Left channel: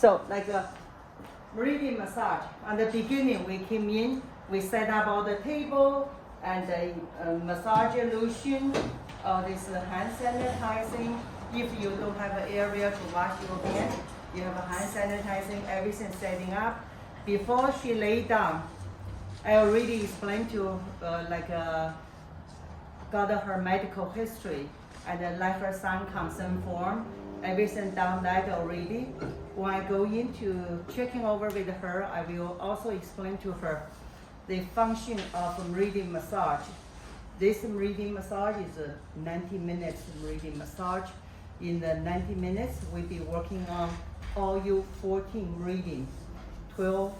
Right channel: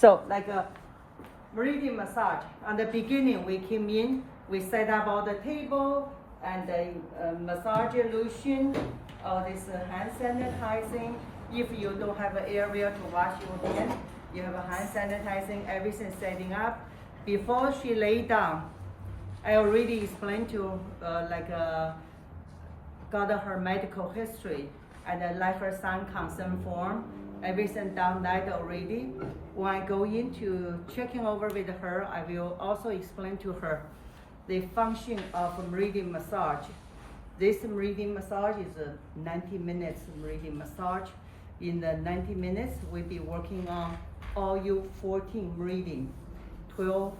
So like a Meridian massage. At the beginning, we came in, we set up all the table and the massage lotion, all this hand sanitizing. If you don't have an area to wash your hand, you have a hand sanitizing, everything setting up. Before she lay down, I already explained to got her medical history and like her son consent form, everything done that already. When I go into checking over with her, I will also explain to her the function of a Meridian massage. This Meridian massage is a 90 minutes Meridian massage. In the 90 minutes, we'll be working on all your 14 Meridian, 12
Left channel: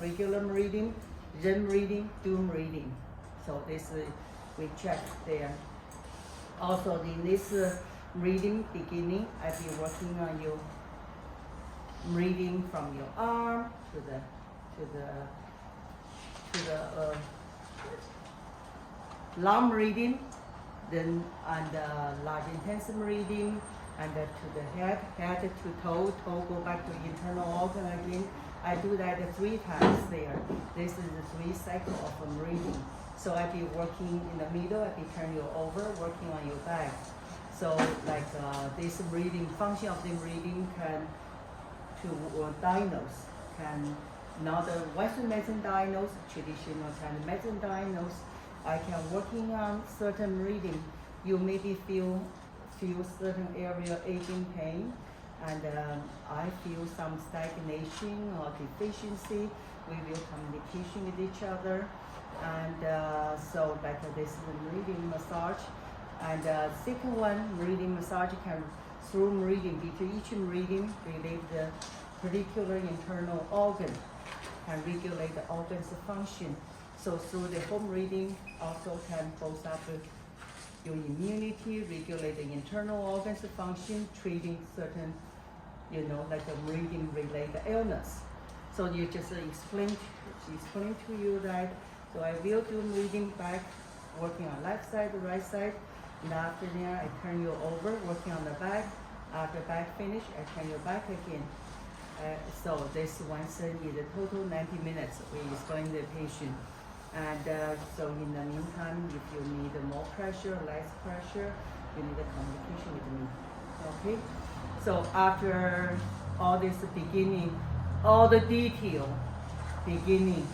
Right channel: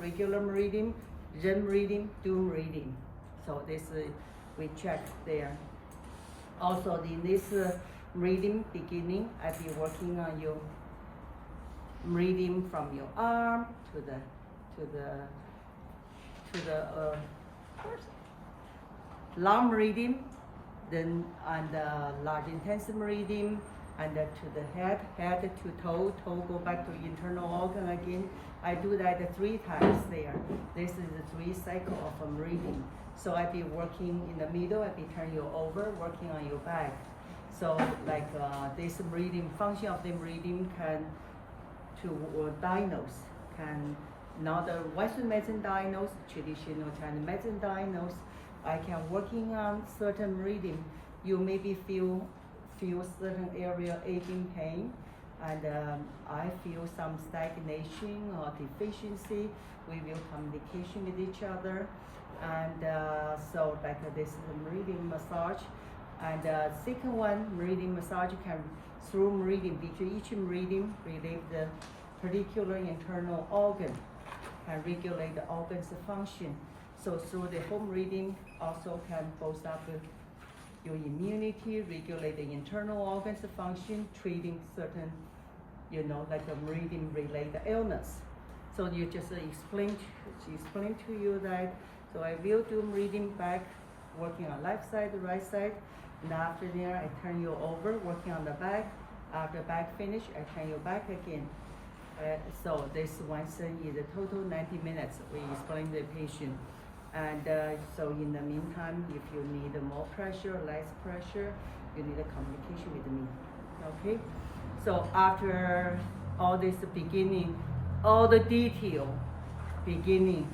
regular Meridian, REM Meridian, dual Meridian. So this we check there. Also in this Meridian beginning, I'll be working on your Meridian from your arm to the long Meridian, then on the large intense Meridian, and to the head to toe go back to internal organ again. I do that 3 times there. This is the 3 cycle of a Meridian. So I'll be working in the middle, I'll be turning you over, working on your back. So like this Meridian, function of the Meridian can diagnose, can not the Western medicine diagnose, traditional Chinese medicine diagnose. I can working on certain Meridian. You maybe feel certain area aching pain, and I feel some stagnation or deficiency. We will communication with each other, and so like this is a Meridian massage. And second one, Meridian massage can through Meridian, between each Meridian relieve the particular internal organ, can regulate the organ's function. So through the whole Meridian also can boost up your immunity, regulate the internal organs function, treating certain, like a Meridian related illness. So you just explain to you that, so I will do Meridian back, working on left side, right side, and after there I turn you over, working on the back. After back finish, I turn you back again. So this one session is a total 90 minutes. We explain the patient. And so in the meantime, if you need more pressure, less pressure, you need a communication with me, okay? So after all this beginning, all the detail beginning,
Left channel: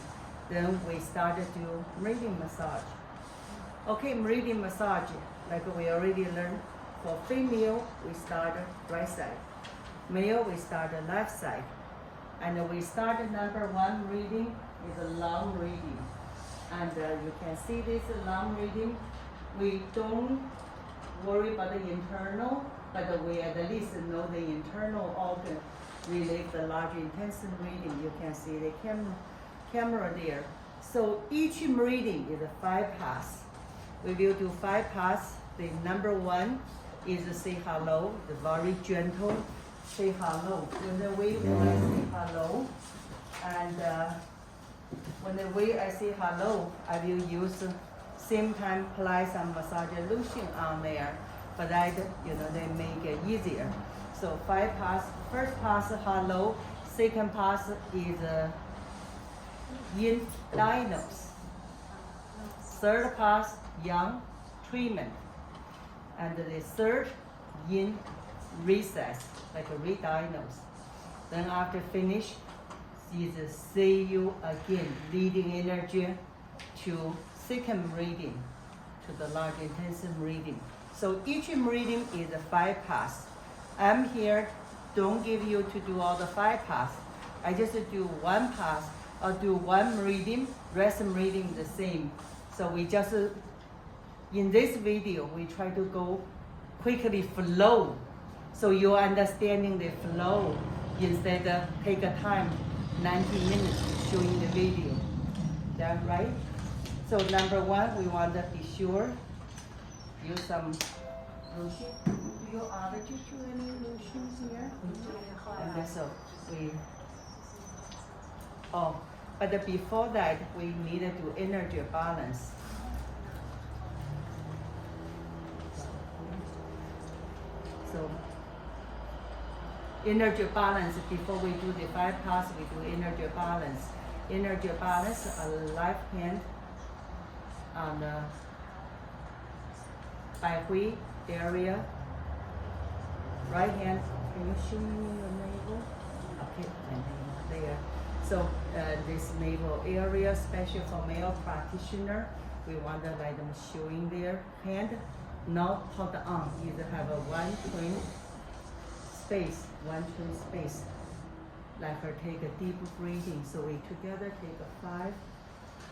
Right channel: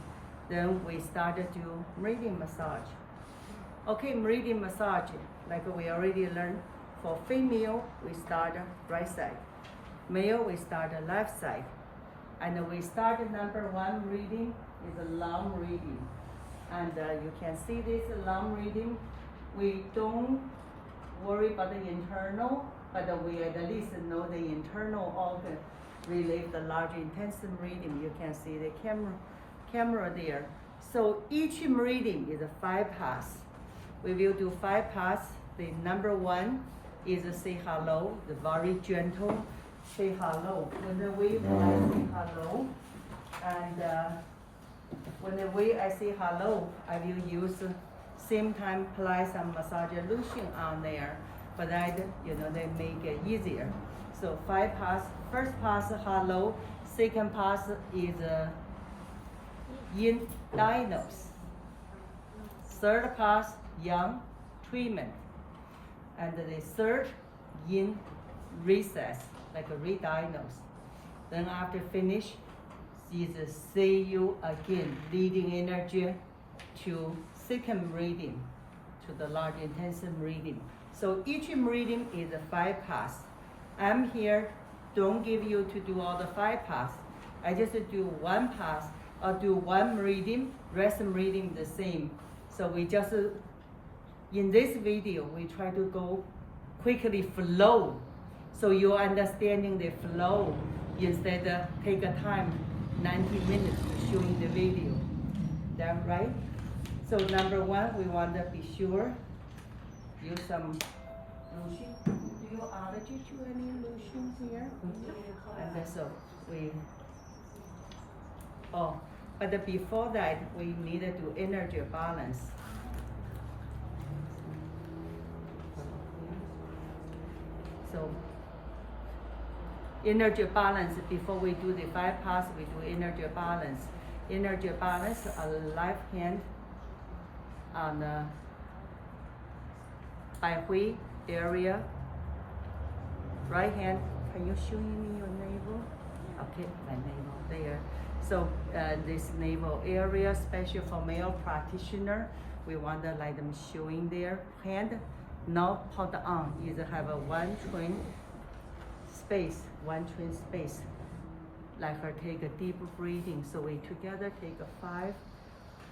then we started to do Meridian massage. Okay, Meridian massage, like we already learned, for female, we start right side. Male, we start the left side. And we start number 1 Meridian is a long Meridian. And you can see this long Meridian. We don't worry about the internal, but we at least know the internal organ relieve the large intense Meridian. You can see the camera there. So each Meridian is a 5 pass. We will do 5 pass. The number 1 is say hello, the very gentle say hello. When the way I say hello, and when the way I say hello, I will use same time apply some massage lotion on there, but that they make it easier. So 5 pass. First pass hello. Second pass is yin diagnose. Third pass yang treatment, and the third yin recess, like a re-diagnose. Then after finish is see you again, leading energy to second Meridian, to the large intensive Meridian. So each Meridian is a 5 pass. I'm here, don't give you to do all the 5 pass. I just do 1 pass or do 1 Meridian, rest Meridian the same. So we just, in this video, we try to go quickly flow. So you're understanding the flow instead of take a time 90 minutes to showing the video. Is that right? So number 1, we want to be sure, use some lotion. Do you allergy to any lotions here? And then so we, but before that, we need to do energy balance. So energy balance. Before we do the 5 pass, we do energy balance. Energy balance, left hand on the Bai Hui area. Right hand, can you show me your navel? Okay, my navel there. So this navel area, especially for male practitioner, we want to let them showing their hand, not put on. Either have a one twin space. Let her take a deep breathing. So we together take a 5.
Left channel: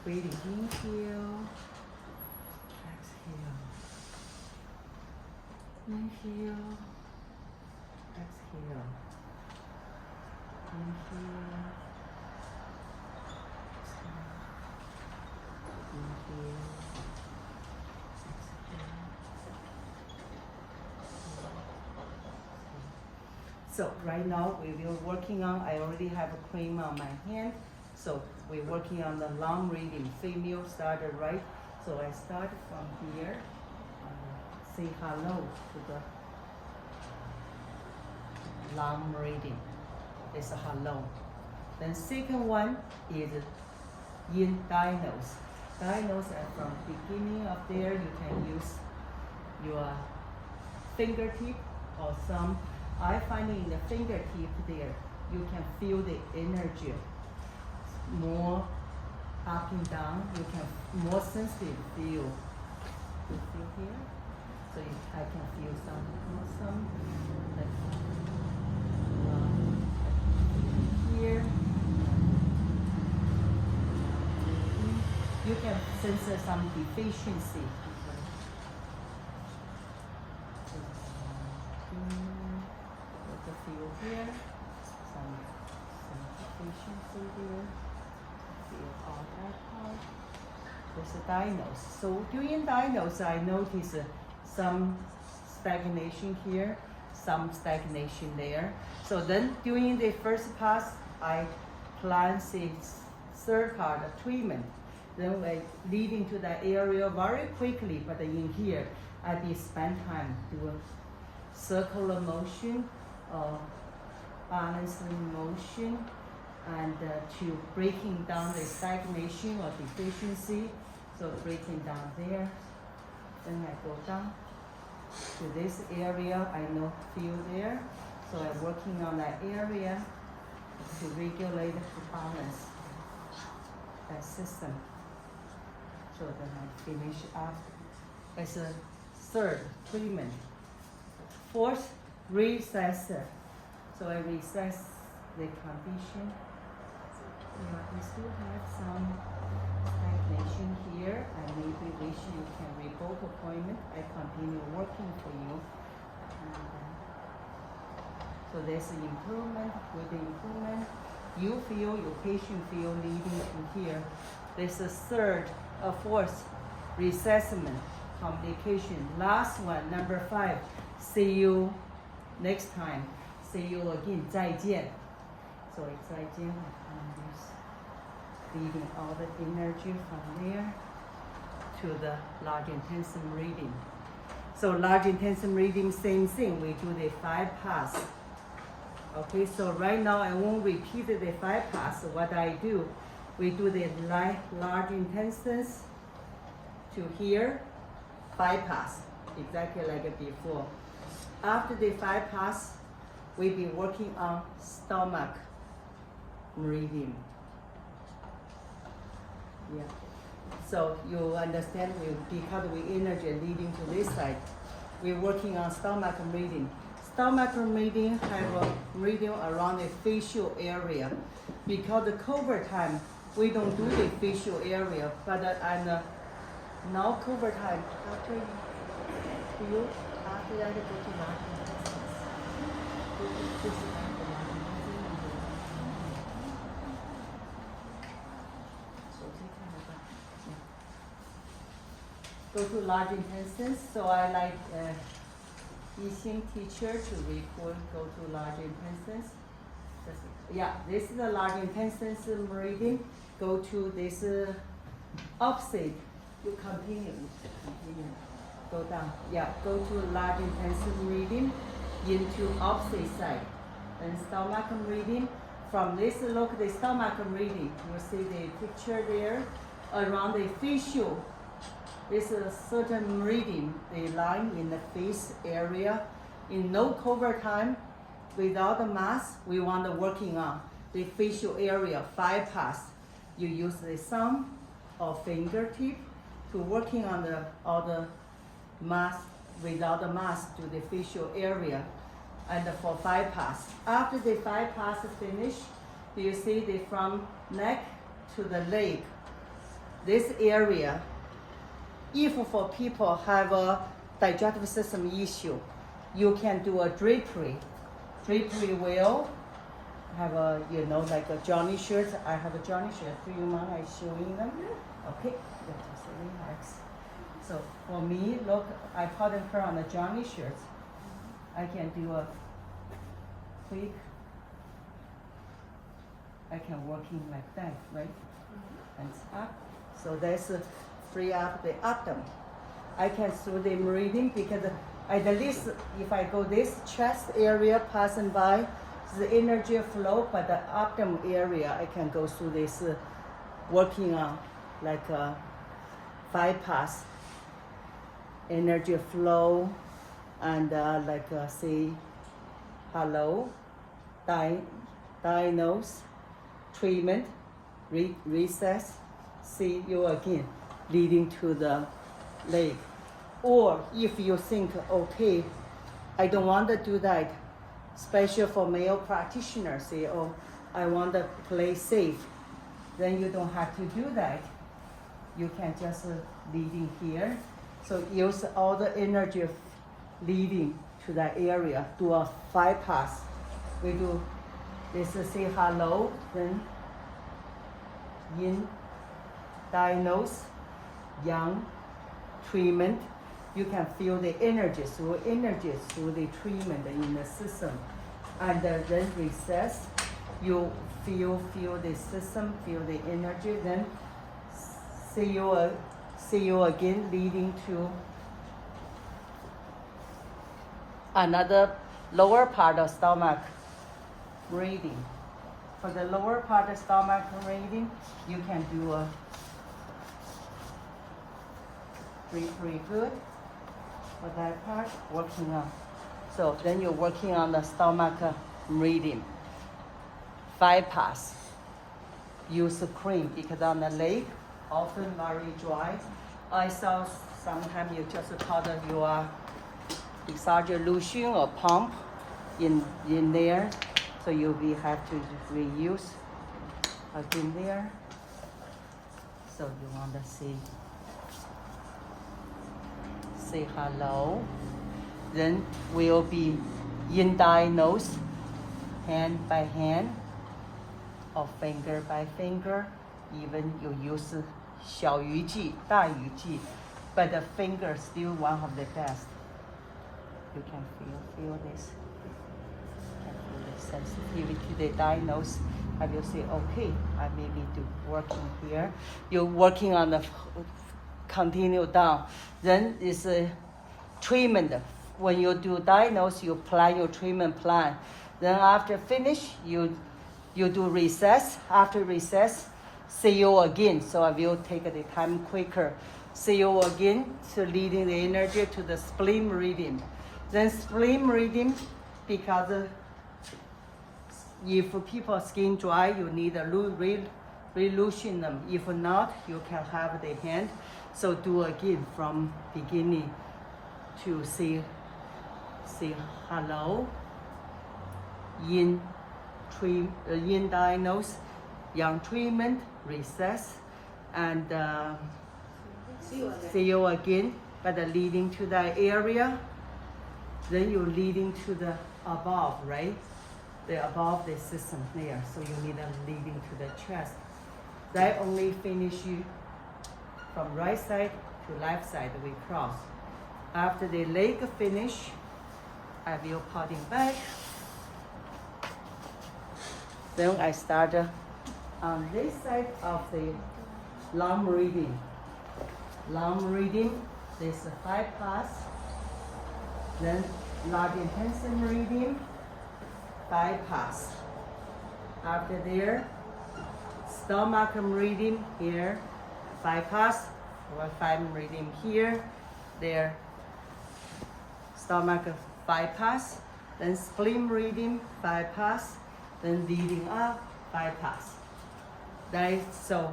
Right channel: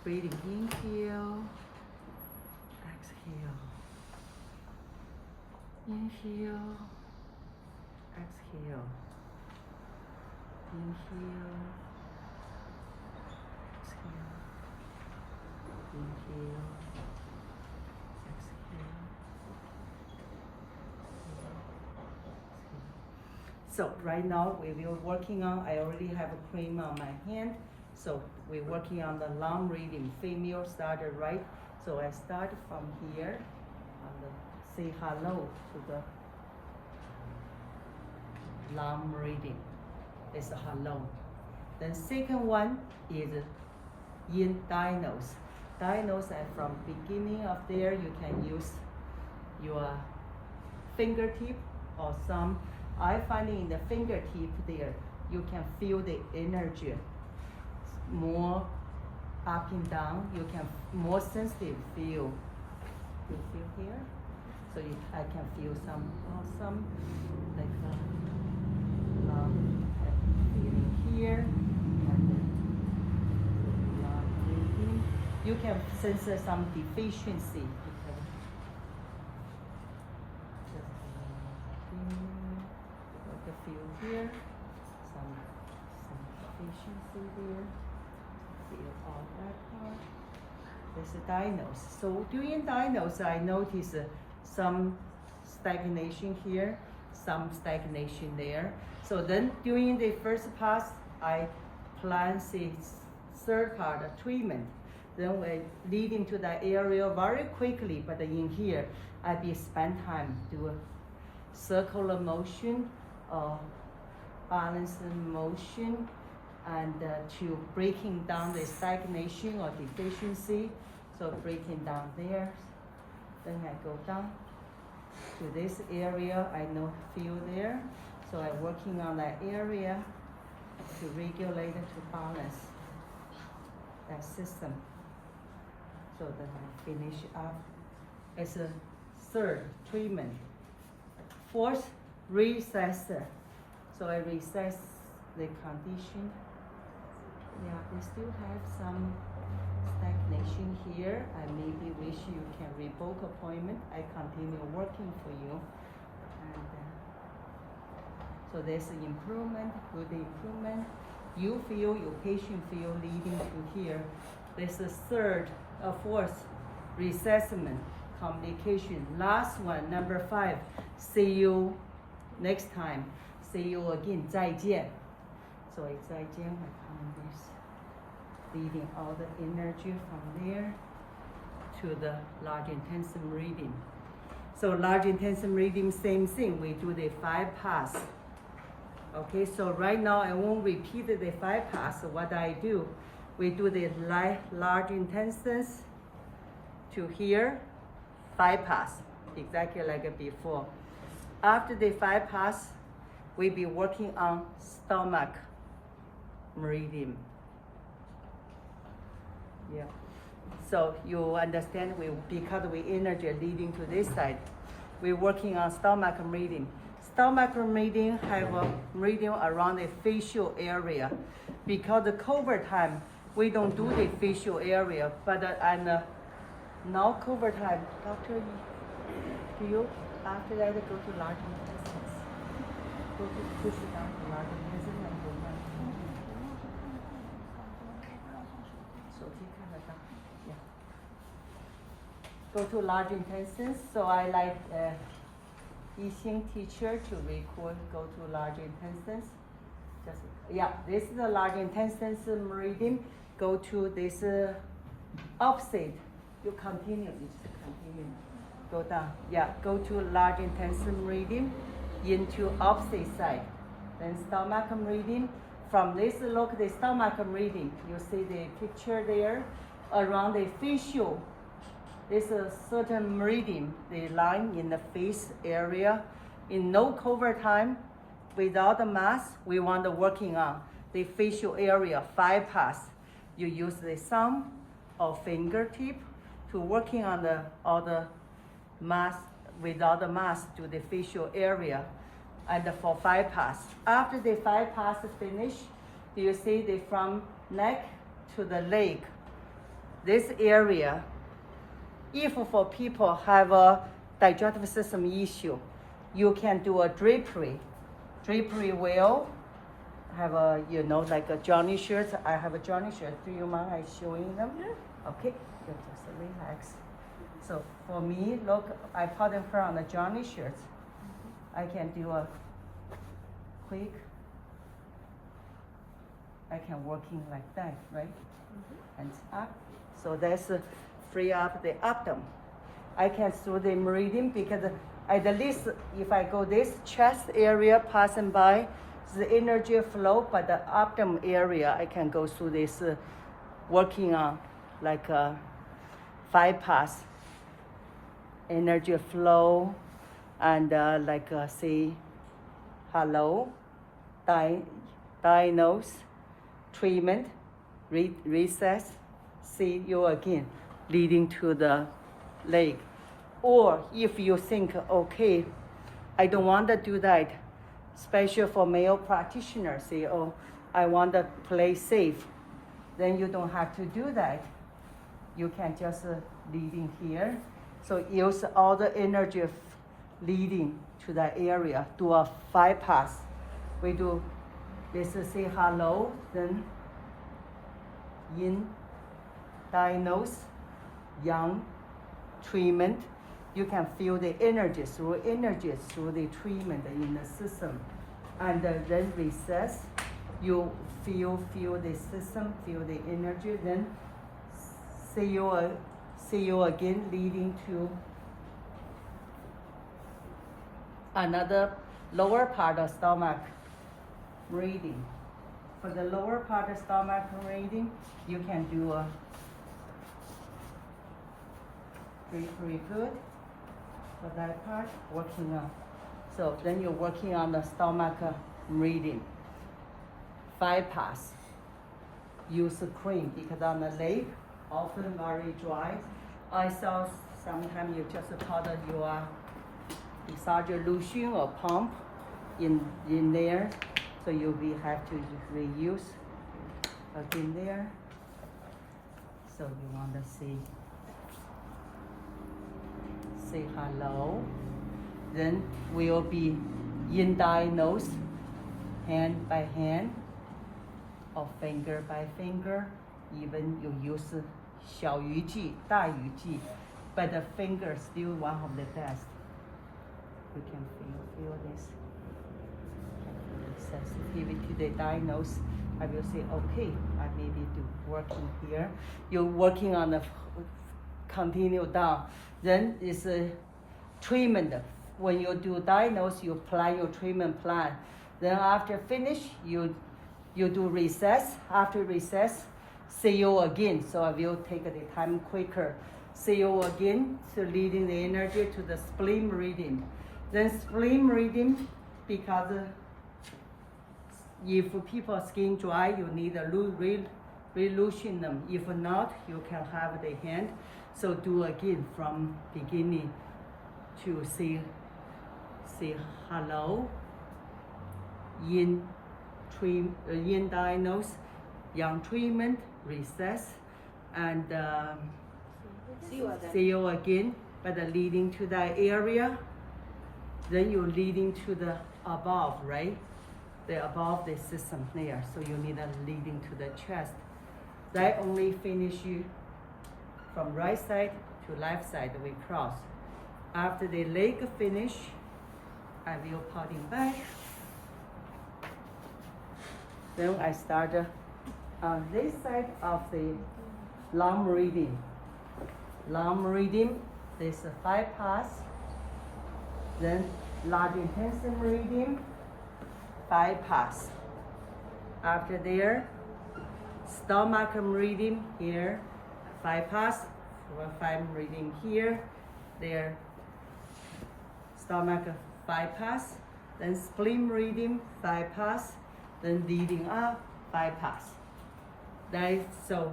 Breathing, inhale, exhale, inhale, exhale, inhale, exhale, inhale, exhale. So right now we will working on, I already have a cream on my hand. So we're working on the long reading. Female started right. So I start from here, say hello to the long reading. It's a hello. Then second one is in diagnose. Diagnose, and from beginning of there, you can use your fingertip or some. I find in the fingertip there, you can feel the energy more up and down. You can more sensitive feel. You feel here? So I can feel some awesome, like feeling here, and breathing. You can sense some deficiency. Feel here, some deficiency there. Feel all that part. There's a diagnose. So during diagnose, I notice some stagnation here, some stagnation there. So then during the first pass, I plan the third part of treatment. Then we lead into that area very quickly, but in here, I be spend time doing circular motion, balancing motion, and to breaking down the stagnation or deficiency. So breaking down there, then I go down to this area. I feel there, so I'm working on that area to regulate, to balance that system. So then I finish up as a third treatment. Fourth, recessor. So I recess the condition. Yeah, we still have some stagnation here. I maybe wish you can revoke appointment. I continue working for you. And so there's an improvement, good improvement. You feel, your patient feel leading to here. There's a fourth, reassessment, communication. Last one, number 5, see you next time. See you again, 再见. So it's 再见, I find this, leading all the energy from there to the large intensive reading. So large intensive reading, same thing, we do the 5 pass. Okay, so right now I won't repeat the 5 pass. What I do, we do the large intensives to here, 5 pass, exactly like before. After the 5 pass, we'll be working on stomach meridian. Yeah. So you understand, because we energy leading to this side, we're working on stomach meridian. Stomach meridian have a meridian around the facial area. Because the COVID time, we don't do the facial area, but now COVID time, Doctor, do you after that go to large intestines? Go to push it down to large intestines and do that. So yeah. Go to large intestines. So I like Li-Chen teacher to record, go to large intestines. Yeah, this is the large intestines meridian. Go to this opposite. You continue. Go down. Yeah, go to large intestine meridian into opposite side. Then stomach meridian. From this look, the stomach meridian, you see the picture there. Around the facial, this is certain meridian, the line in the face area. In no cover time, without the mask, we want to working on the facial area, 5 pass. You use the thumb or fingertip to working on all the mask, without the mask to the facial area. And for 5 pass. After the 5 pass finish, you see the from neck to the leg. This area, if for people have a digestive system issue, you can do a drapery. Drapery will have a, you know, like a Johnny shirt. I have a Johnny shirt. Do you mind I showing them? Okay, just relax. So for me, look, I put them on a Johnny shirt. I can do a quick, I can working like that, right? And up. So that's free up the abdomen. I can through the meridian because at least if I go this chest area passing by, the energy flow, but the abdomen area, I can go through this working on like a 5 pass energy flow and like say hello, diagnose, treatment, recess, see you again, leading to the leg. Or if you think, okay, I don't want to do that, especially for male practitioners, say, oh, I want to play safe, then you don't have to do that. You can just leading here. So use all the energy of leading to that area, do a 5 pass. We do this, say hello, then yin, diagnose, yang, treatment. You can feel the energy through the treatment in the system. And then recess, you feel the system, feel the energy, then see you again leading to another lower part of stomach meridian. For the lower part of stomach meridian, you can do a pretty good for that part, working on. So then you're working on the stomach meridian. 5 pass. Use cream because on the leg, often very dry. I saw sometimes you just powder your exaggeration or pump in there, so you will have to reuse again there. So you want to say hello. Then we'll be yin diagnose, hand by hand or finger by finger. Even you use 小鱼际, 大鱼际, but the finger is still one of the best. You can feel this. You can feel the sensitivity to the diagnose. I will say, okay, I maybe do working here. You're working on the continue down. Then it's a treatment. When you do diagnose, you plan your treatment plan. Then after finish, you do recess. After recess, see you again. So I will take the time quicker. See you again. So leading the energy to the spleen meridian. Then spleen meridian, because if people's skin dry, you need a re-loosen them. If not, you can have the hand. So do again from beginning to say hello, yin diagnose, yang treatment, recess, and see you again. But leading to that area, then you're leading to the above, right? The above the system there. So you need a leading to the chest. That only finish you from right side to left side, we cross. After the leg finish, I will potting back. Then I start on this side of the long meridian. Long meridian, there's a 5 pass. Then large intensive meridian, bypass. After there, stomach meridian here, bypass. 5 meridian here, there. Stomach bypass, then spleen meridian bypass, then leading up bypass. That is so.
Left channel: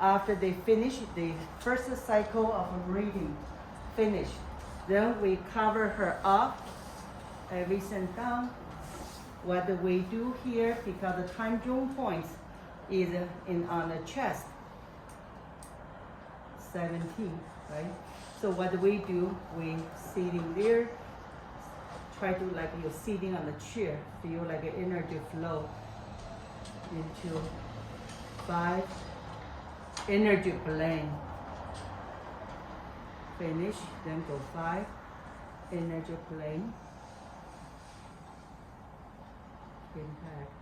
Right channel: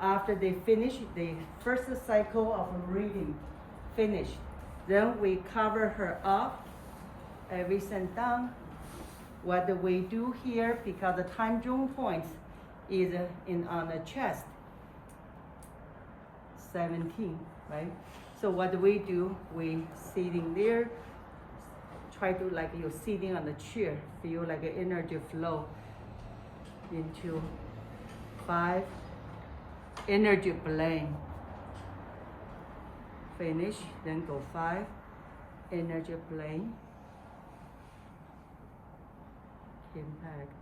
After they finish the first cycle of meridian, finished, then we cover her up, everything down. What do we do here? Because the time zone points is on the chest, 17, right? So what do? We sitting there, try to like you're sitting on the chair, feel like an energy flow into 5 energy plane. Finish, then go 5 energy plane. Impact.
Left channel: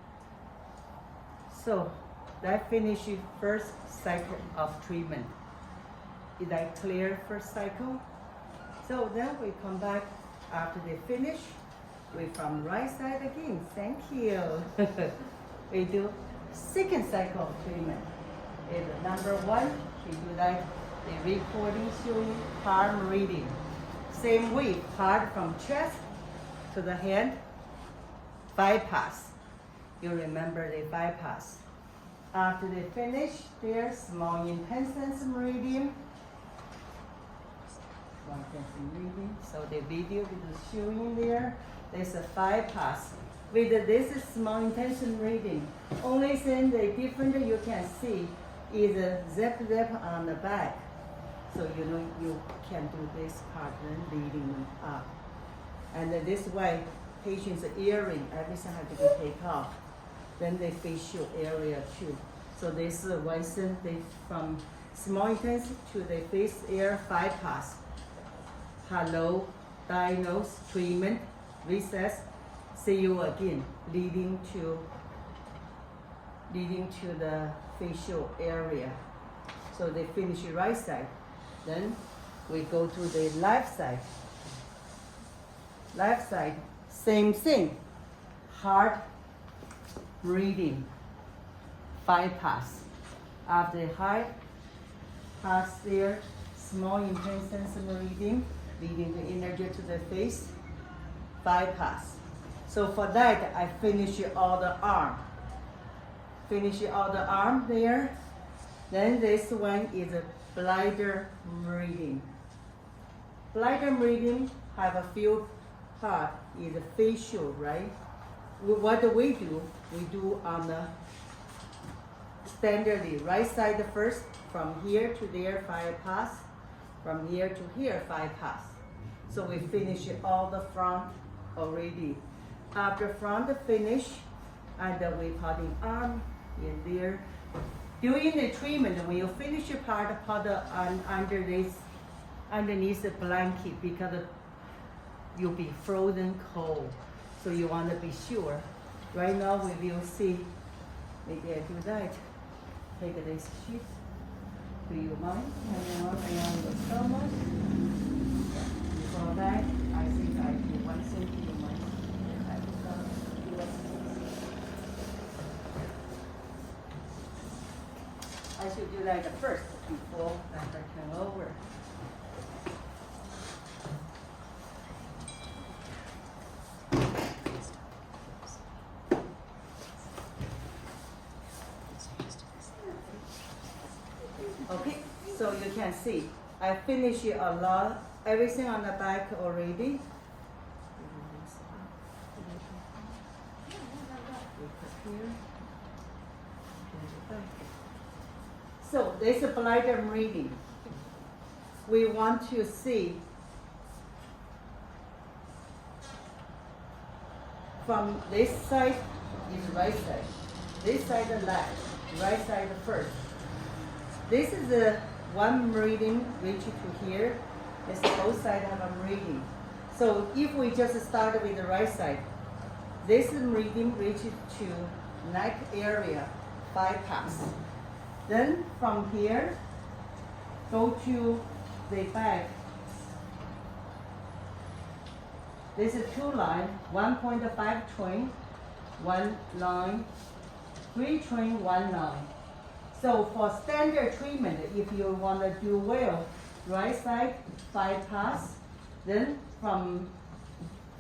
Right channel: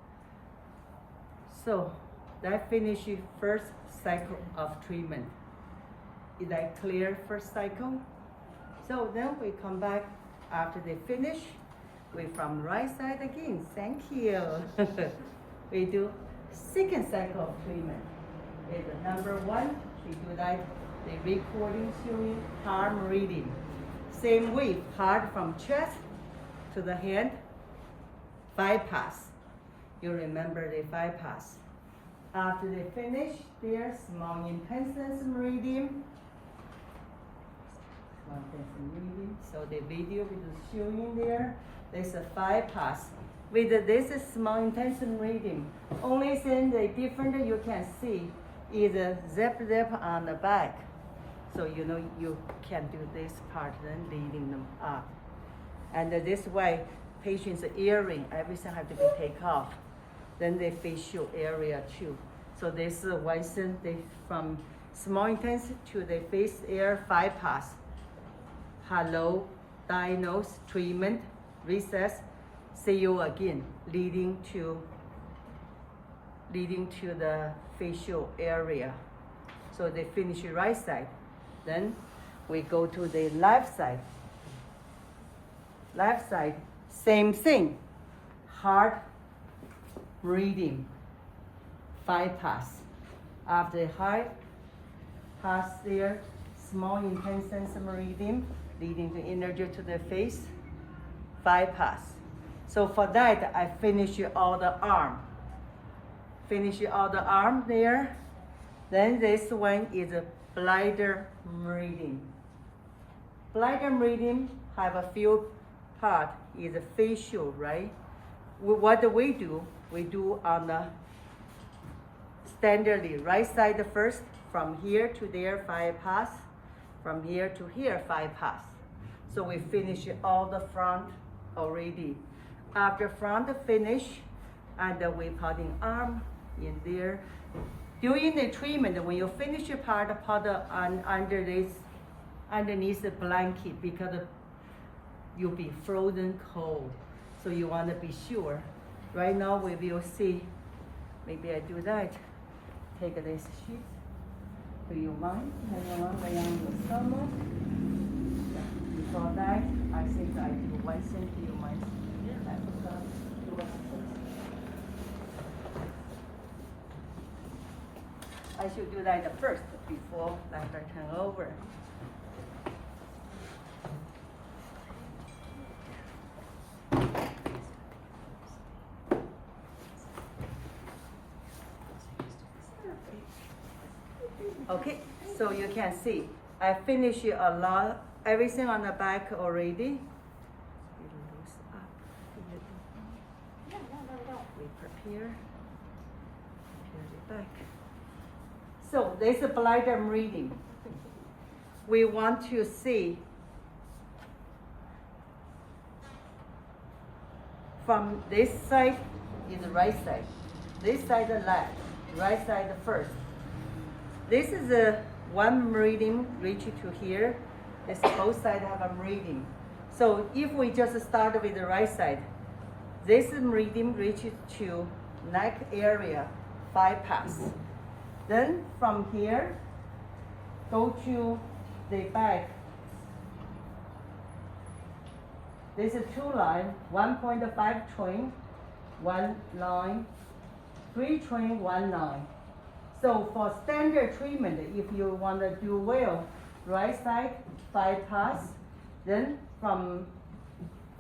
So that finishes first cycle of treatment. Is that clear first cycle? So then we come back after they finish. We from right side again. Thank you. We do second cycle of treatment. Is number 1. We do that. The recording showing palm reading. Same way, part from chest to the hand. Bypass. You remember the bypass. After they finish their small intestine meridian. Small intestine meridian. So the video is showing there. There's a bypass. With this small intestine meridian, only thing the different you can see is a zip on the back. So you know you can do this part then leading them up. And this way, patient's earring, everything has to be taken off. Then the facial area too. So this is one thing they from small intestine to the face air bypass. Hello, diagnose, treatment, recess. See you again, leading to the facial area. So they finish the right side. Then we go to the left side. Left side, same thing. Heart breathing, bypass. After the heart pass there, small intestine meridian, leading the energy to the face, bypass. So for that, I finish all the arm. Finish all the arm there. Then this one is a bladder meridian. Bladder meridian have a few parts. Is a facial, right? What do? We do on the standardly right side first. From here to there, bypass. From here to here, bypass. So we finish all the front already. After front finish, and then we putting arm in there. During the treatment, when you finish your part, put underneath the blanket because you'll be frozen cold. So you want to be sure. Right now we will see. Maybe I do that. Take this sheet. Do you mind? Hang on around your stomach. Yeah. Before that, I think I do one thing. Do you mind? I should do that first before I turn over. Okay, so you can see I finished a lot, everything on the back already. We put here. Back. So this is bladder meridian. We want to see from this side is right side, this side the left, right side first. This is the one meridian reach to here. This both sides have a meridian. So if we just start with the right side, this meridian reaches to neck area, bypass. Then from here, go to the back. This is 2 line, 1.5 twin, one line, 3 train, 1 line. So for standard treatment, if you want to do well, right side 5 pass, then from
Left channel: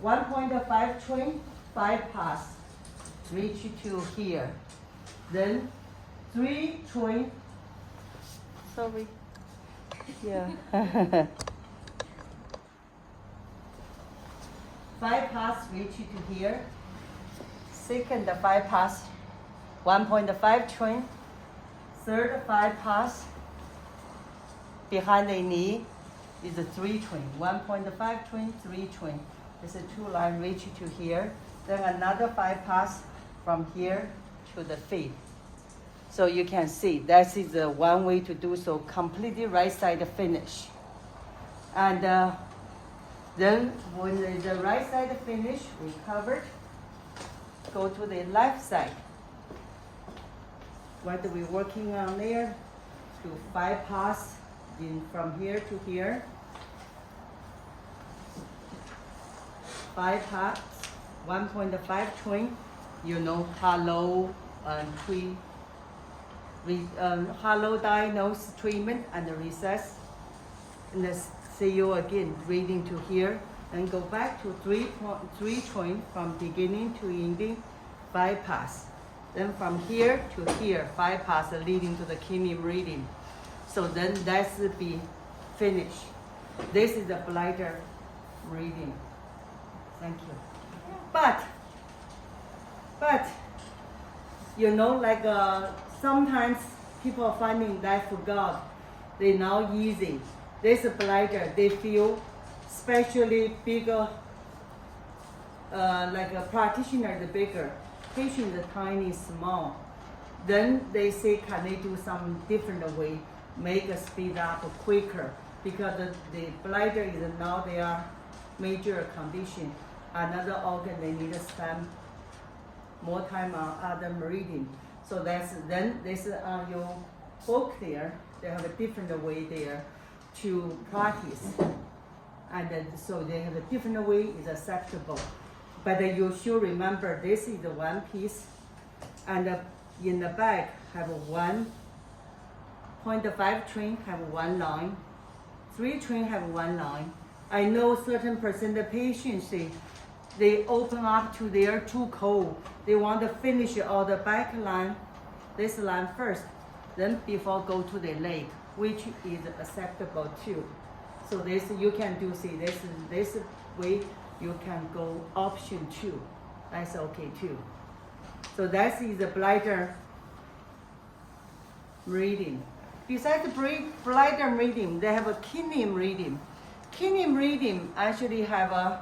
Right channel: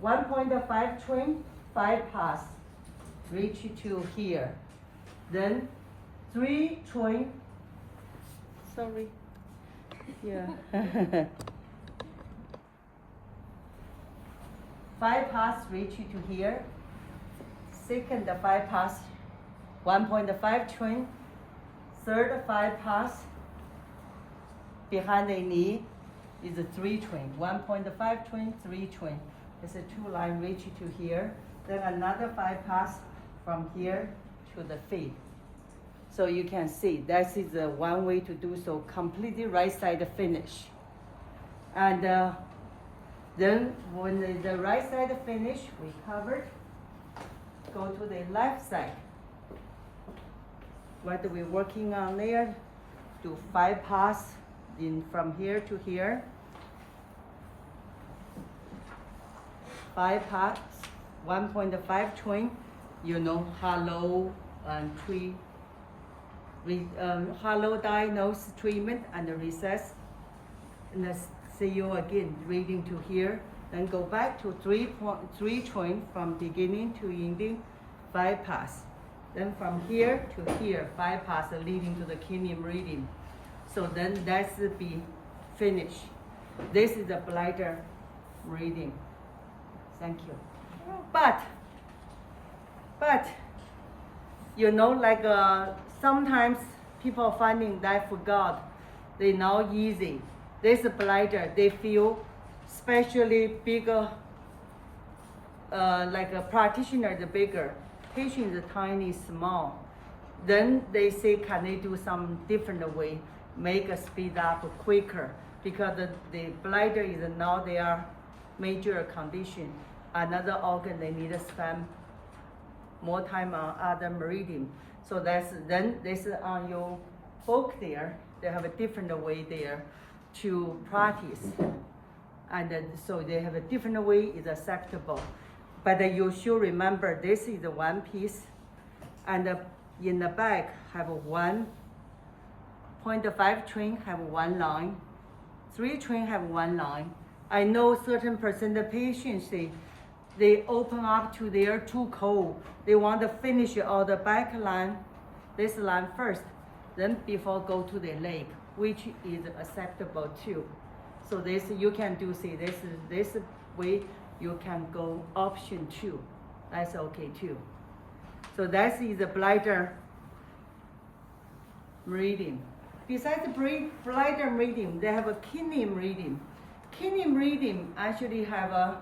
1.5 train, 5 pass, reach to here. Then 3 train, sorry, yeah. 5 pass reach to here. Second 5 pass, 1.5 train. Third 5 pass, behind the knee is a 3 train. 1.5 train, 3 train. It's a 2 line reach to here. Then another 5 pass from here to the feet. So you can see that is one way to do so. Completely right side finish. And then when the right side finish, we covered. Go to the left side. What are we working on there? Do 5 pass in from here to here. 5 pass, 1.5 train. You know, hollow hollow diagnose treatment and the recess. And then see you again, reading to here. Then go back to 3 train from beginning to ending, 5 pass. Then from here to here, 5 pass leading to the kidney meridian. So then that's be finished. This is the bladder meridian. Thank you. But you know, like sometimes people are finding that forgot, they now easy. This bladder, they feel especially bigger, like a practitioner, the bigger. Patient is tiny, small. Then they say, can they do some different way, make a speed up quicker? Because the bladder is now their major condition. Another organ, they need to spend more time on other meridian. So then this is on your book there. They have a different way there to practice. And so they have a different way is acceptable. But you should remember this is the one piece, and in the back have 1.5 train have 1 line, 3 train have 1 line. I know certain percent of patients they open up to their too cold. They want to finish all the back line, this line first, then before go to the leg, which is acceptable too. So this you can do this way. You can go option 2. That's okay too. So that is the bladder meridian. Besides the bladder meridian, they have a kidney meridian. Kidney meridian actually have a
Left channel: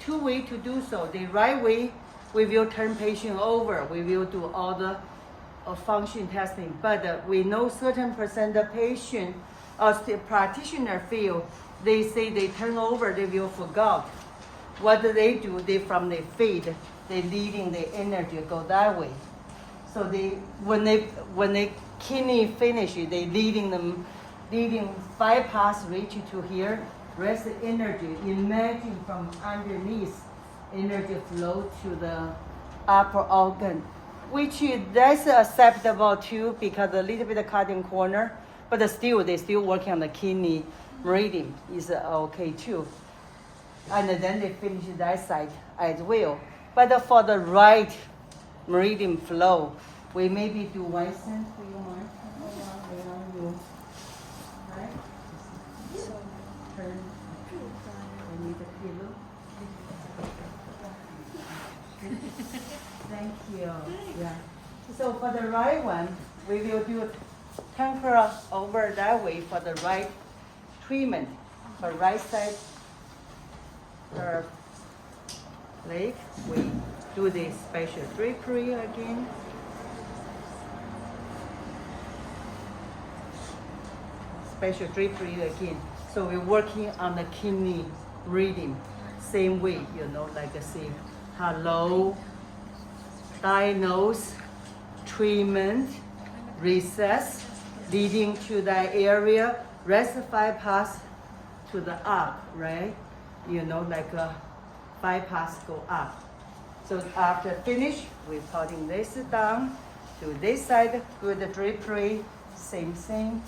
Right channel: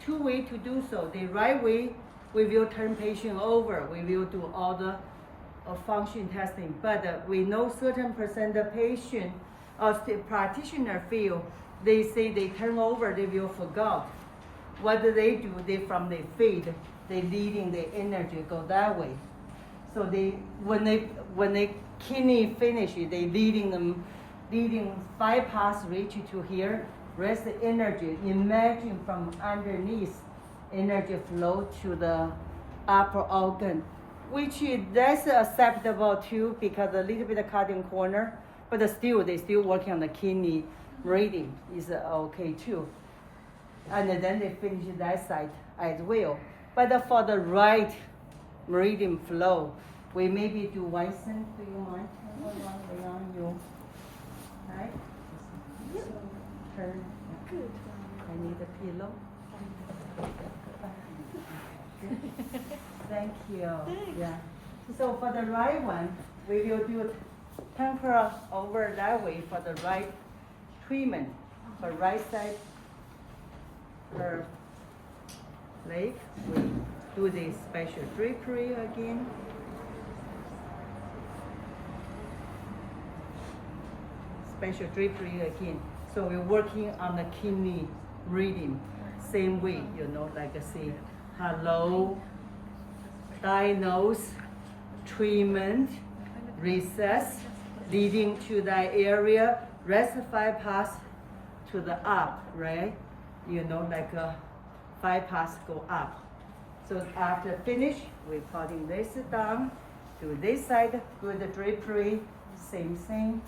2 way to do so. The right way, we will turn patient over. We will do all the function testing. But we know certain percent of patient or practitioner feel, they say they turn over, they will forget. What do? They from the feet, they leading the energy go that way. So when they kidney finish, they leading 5 pass reach to here, rest the energy. Imagine from underneath, energy flow to the upper organ, which that's acceptable too because a little bit of cutting corner, but still they still working on the kidney meridian is okay too. And then they finish that side as well. But for the right meridian flow, we maybe do one cent. Do you mind? You. Right? Turn. I need a pillow. Thank you. Yeah. So for the right one, we will do temporal over that way for the right treatment. For right side, for leg, we do the special drapery again. Special drapery again. So we're working on the kidney reading, same way, like I say, hello, diagnose, treatment, recess, leading to that area, rest 5 pass to the up, right? Like a 5 pass go up. So after finish, we're putting this down to this side. Good drapery, same thing.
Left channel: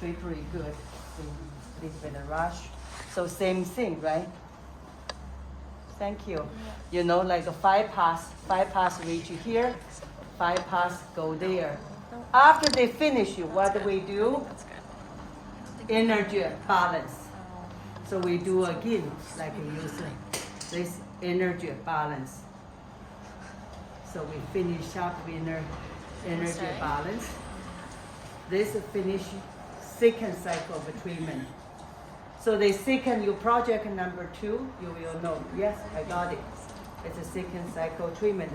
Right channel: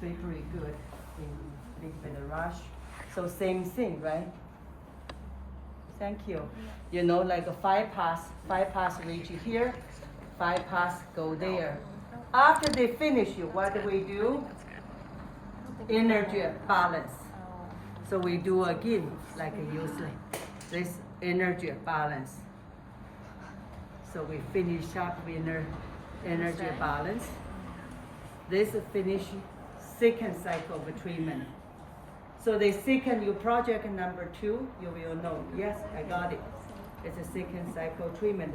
Drapery good. A little bit of rush. So same thing, right? Thank you. You know, like a 5 pass reach here, 5 pass go there. After they finish, what do we do? Energy balance. So we do again, like use this energy balance. So we finish up with energy balance. This finish second cycle of treatment. So the second, your project number 2, you will know, yes, I got it. It's a second cycle treatment.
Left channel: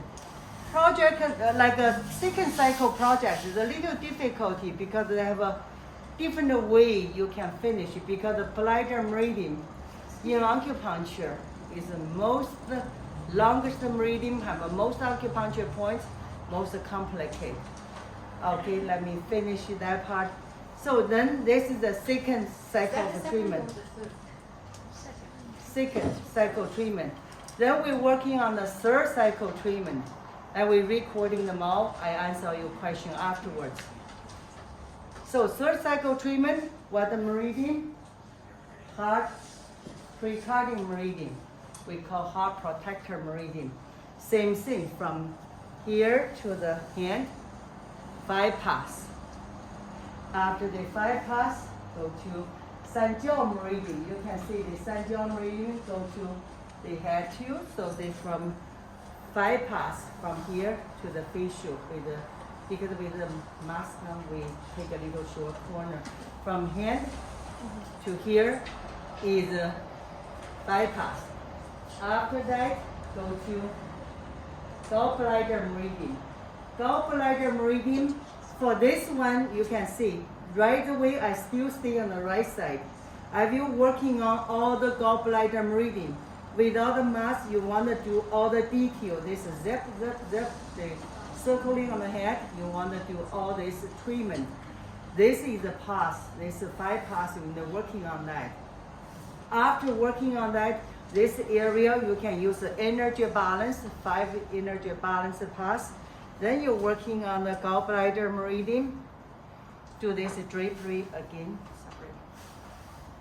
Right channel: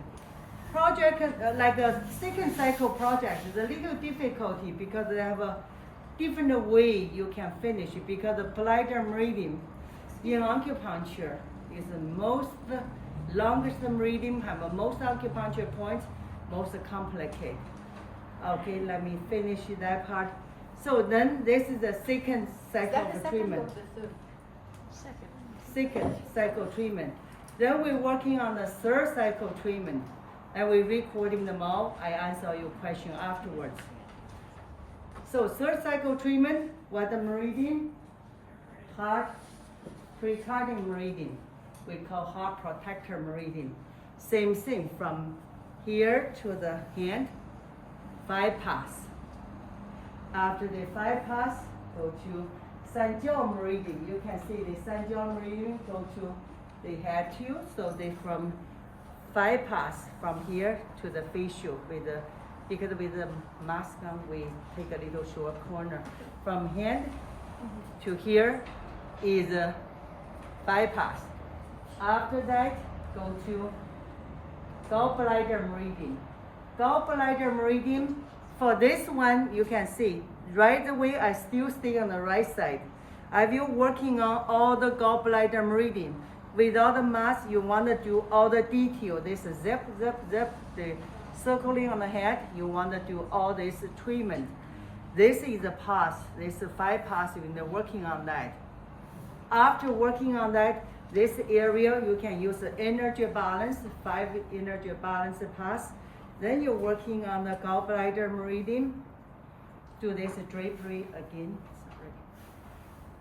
Project, like a second cycle project is a little difficulty because they have a different way you can finish it because the bladder meridian in acupuncture is the most longest meridian, have the most acupuncture points, most complicated. Okay, let me finish that part. So then this is the second cycle of treatment. Second cycle treatment. Then we're working on the third cycle treatment. And we're recording them all. I answer your question afterwards. So third cycle treatment, what the meridian? Heart precarding meridian. We call heart protector meridian. Same thing from here to the hand, 5 pass. After the 5 pass, go to Sanjiao meridian. You can see the Sanjiao meridian go to the head too. So they from 5 pass from here to the facial because with the mask on, we take a little short corner. From hand to here is a 5 pass. After that, go to gallbladder meridian. Gallbladder meridian, for this one, you can see, right away, I still stay on the right side. I will working on all the gallbladder meridian. Without the mask, you want to do all the detail. This is zip, zip, zip, the circling on the head. You want to do all this treatment. This is a pass. This is 5 pass. You're working on that. After working on that, this area, you can use the energy balance, 5 energy balance pass. Then you're working on the gallbladder meridian. Do this drapery again.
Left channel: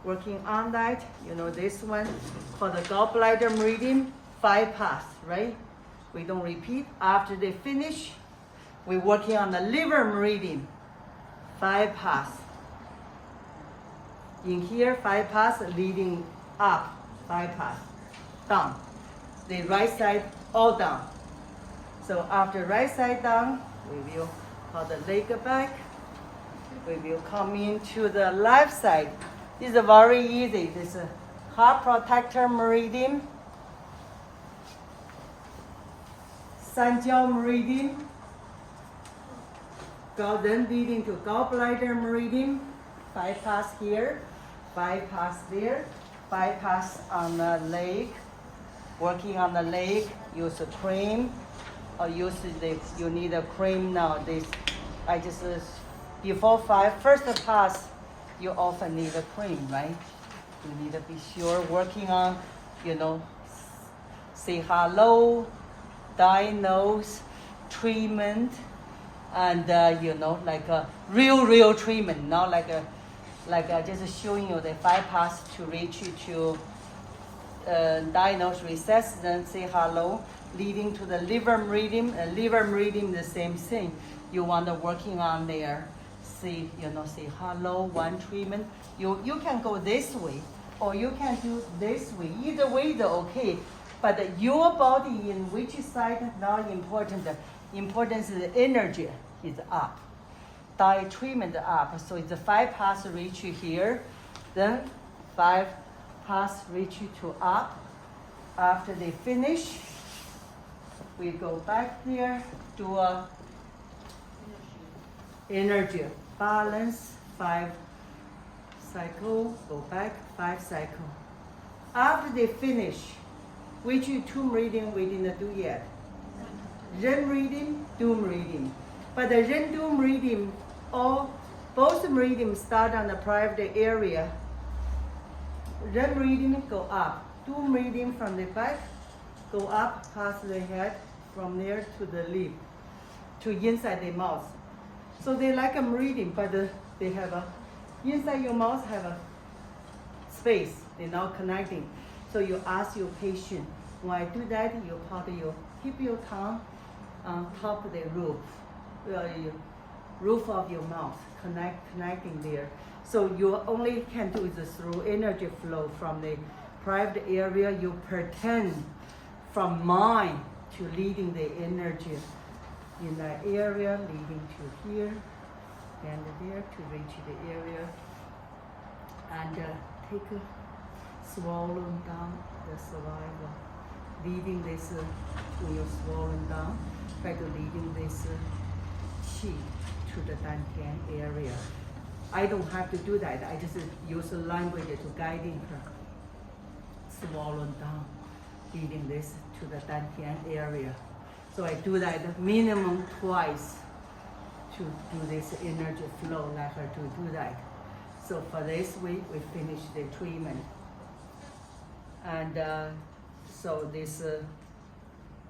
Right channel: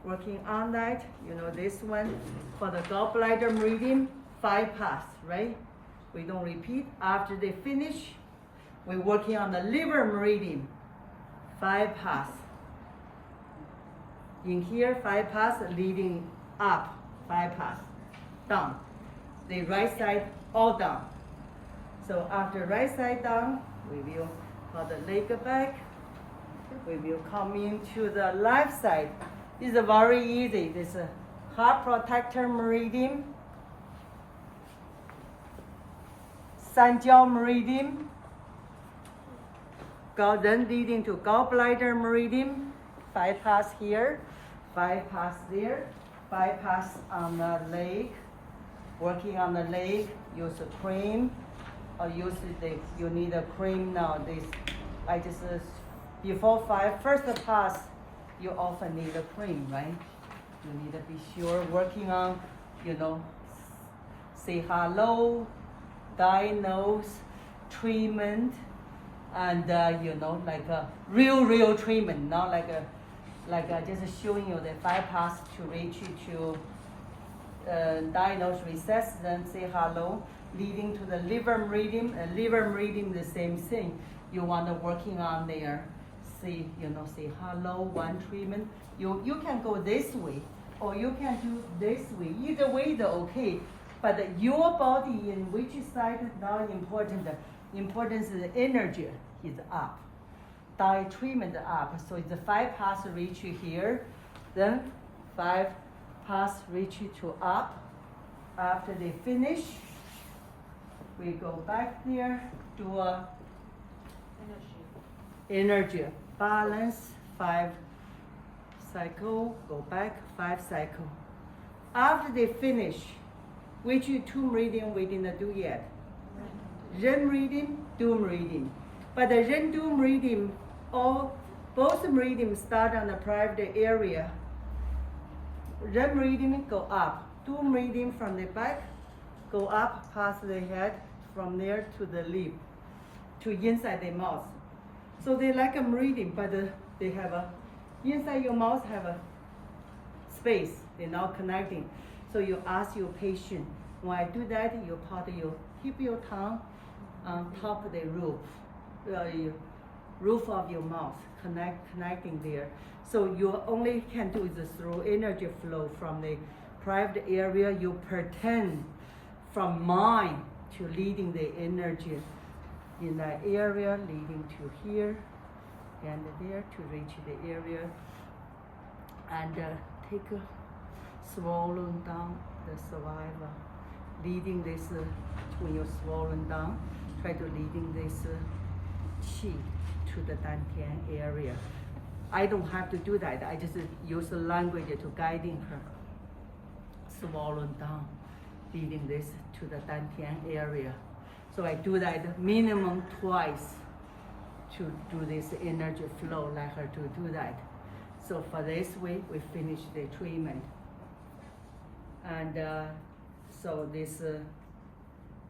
Working on that, you know, this one for the gallbladder meridian, 5 pass, right? We don't repeat. After they finish, we're working on the liver meridian, 5 pass. In here, 5 pass leading up, 5 pass, down. The right side, all down. So after right side down, we will put the leg back. We will come into the left side. This is very easy. This is a heart protector meridian, Sanjiao meridian, then leading to gallbladder meridian, 5 pass here, 5 pass there, 5 pass on the leg. Working on the leg, use a cream, or use the, you need a cream now. This, I just, before first pass, you often need a cream, right? You need to be sure working on, you know, say hello, diagnose, treatment, and you know, like a real treatment, not like just showing you the 5 pass to reach you to diagnose recess, then say hello, leading to the liver meridian. Liver meridian, the same thing. You want to working on there. Say, you know, say hello, one treatment. You can go this way, or you can do this way. Either way, they're okay. But your body in which side not important. Important is the energy is up. Diet treatment up. So it's a 5 pass reach you here, then 5 pass reach you to up. After they finish, we go back there, do a energy balance, 5 cycle, go back, 5 cycle. After they finish, which 2 meridian we didn't do yet? Ren meridian, Du meridian. But the Ren Du meridian, both meridians start on the private area. Ren meridian go up, Du meridian from the back, go up past the head, from there to the lip, to inside the mouth. So they like a meridian, but they have a, inside your mouth have a space, they're now connecting. So you ask your patient, when I do that, you keep your tongue on top of the roof of your mouth, connecting there. So you only can do is through energy flow from the private area. You pretend from mind to leading the energy in that area, leading to here and there to reach the area, and take a swollen down the saliva, leading this when you're swollen down, try to leading this qi to the dantian area. I don't have to do that. I just use the language to guiding her. Swollen down, leading this to the dantian area. So I do that minimum twice to do this energy flow, like her to do that. So for this week, we finish the treatment. And so this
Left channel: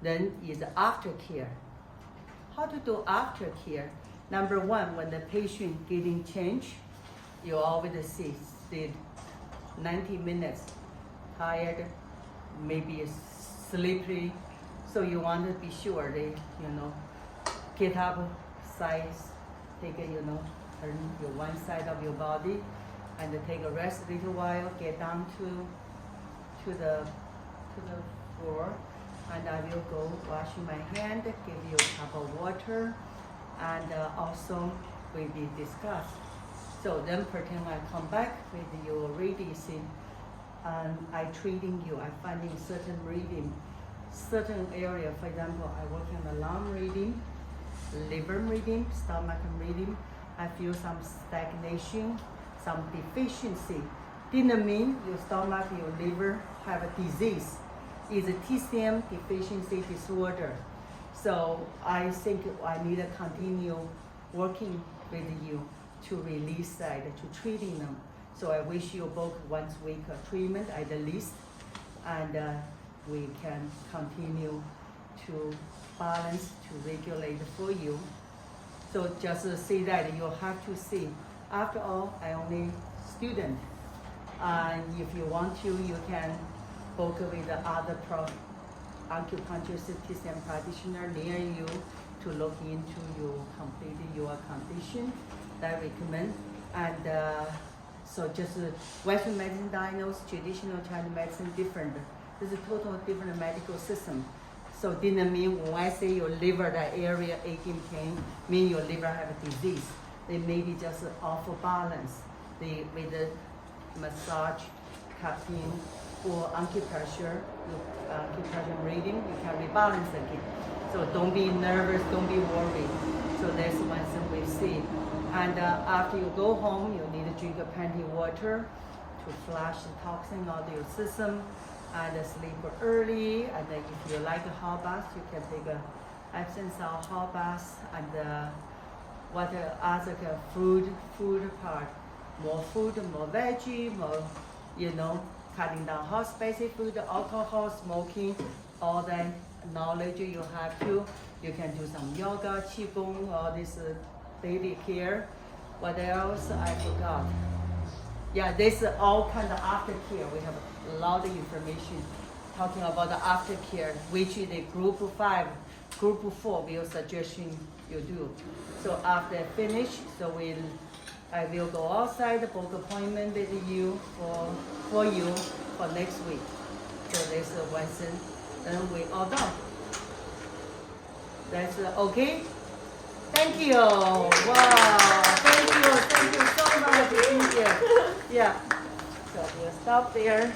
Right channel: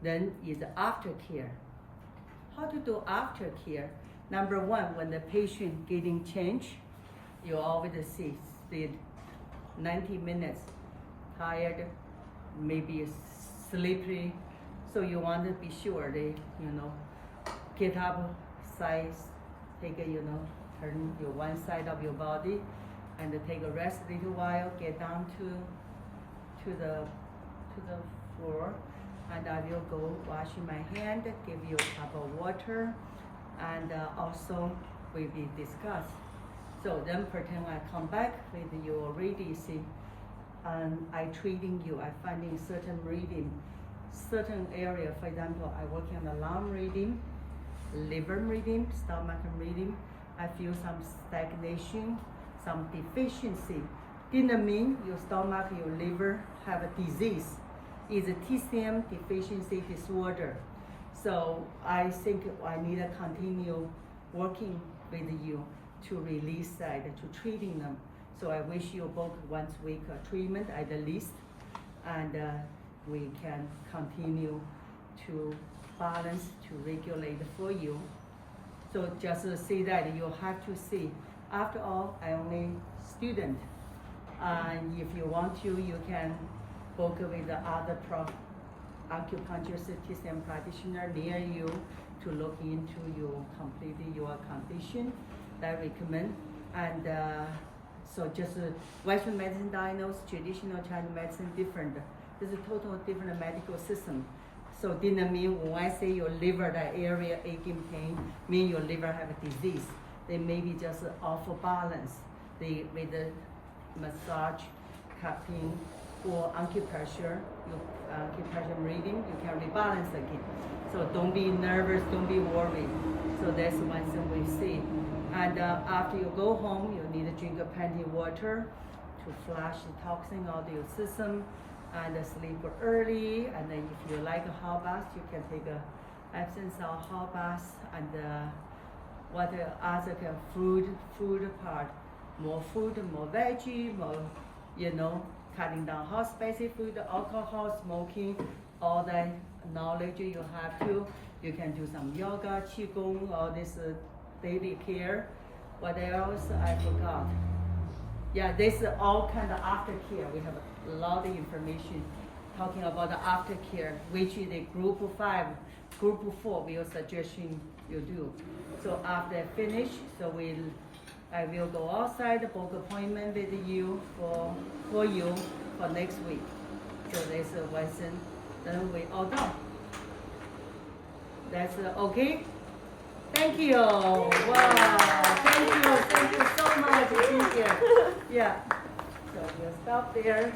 then is aftercare. How to do aftercare? Number one, when the patient getting changed, you always see 90 minutes, tired, maybe sleepy. So you want to be sure they, get up, size, take a, turn your one side of your body, and take a rest a little while, get down to the floor, and I will go washing my hand, give you a cup of water, and also we will discuss. So then pretend I come back with you already see, and I treating you, I finding certain meridian, certain area. For example, I working on the lung meridian, liver meridian, stomach meridian. I feel some stagnation, some deficiency. Didn't mean your stomach, your liver have a disease. It's a TCM deficiency disorder. So I think I need to continue working with you to release that, to treating them. So I wish you both once a week treatment at the least, and we can continue to balance, to regulate for you. So just see that you have to see. After all, I only student. And if you want to, you can book with the other acupuncture TCM practitioner near you to look into your condition. That I recommend. And so just Western medicine diagnosed, traditional Chinese medicine different. This is a total different medical system. So didn't mean when I say your liver, that area aching pain, mean your liver have a disease. They may be just off balance. With the massage, cupping, or acupressure, acupressure reading, you can rebalance again. So don't be nervous, don't be worried. So that's one thing we see. And after you go home, you need to drink plenty of water to flush the toxin out of your system, and sleep early. And then if you like a hot bath, you can take a Epsom salt hot bath. And what other food part, more food, more veggie, more, cutting down hot spicy food, alcohol, smoking, all that knowledge you have to. You can do some yoga, qigong, all this daily care. What else I forgot? Yeah, this is all kind of aftercare. We have a lot of information talking about the aftercare, which is the group 5, group 4 we are suggesting you do. So after I finish, I will go outside, book appointment with you for you for next week. So there's a lesson, then we all done. That's okay? Thank you. Wow. Thank you so much. Yeah. So we'll stop there.